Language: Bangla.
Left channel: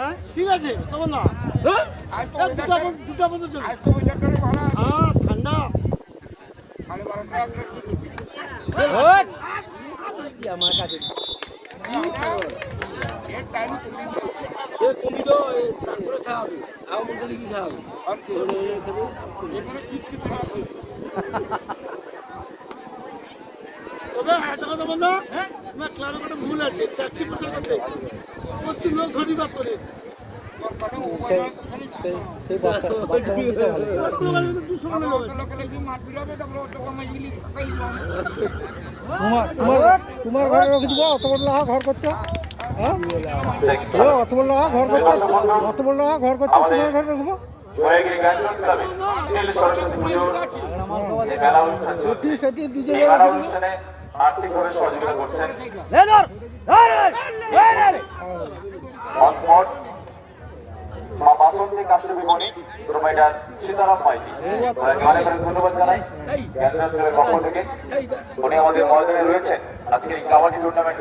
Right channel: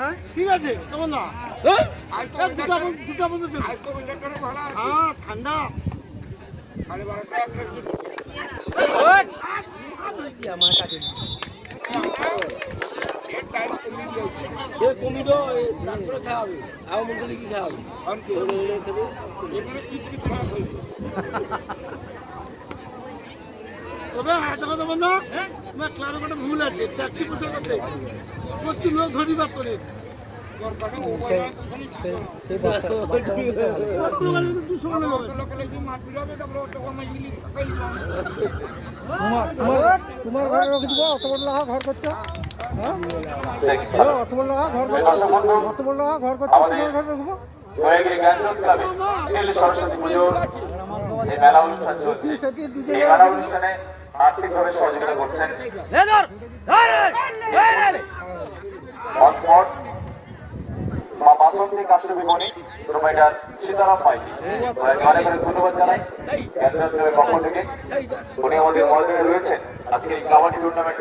হ্যাঁ ঠিক আছে কেমন না দুটা বন্ধু চলছে হ্যাঁ ঠান্ডা আমার কাছে কমিল খাওয়াবে আর মন্দিরে কি খাওয়াবে তবে একটা কথা বন্ধু তোমার ক্লাবে একটা ভুল আছে ট্যাক্সি প্রচার করতে প্রচুর লোক ধরি বাদ করে তোমার ঘরে রেখে দিব অত বড় লাগা ঘর করছো হ্যাঁ অত বড় লাগা ঘর করছো অত বড় লাগা ঘর করছো তোমার ঘরে রাখবো সরস্বতী পুজোর যে মেলা অনুষ্ঠান চলছে এই মেলা অনুষ্ঠানে আর্থিকভাবে সহযোগিতা করছেন হটস্পট মা বাসন্তী কাশ্যপী মণি প্রোভাইডার সীতারাম মাইতি অনেক অনেক ধন্যবাদ জানাই জ্ঞানদার ক্লাবের পক্ষ থেকে উনি আমাদের ময়দানে রয়েছেন আজকের এই কাবাডি টুর্নামেন্ট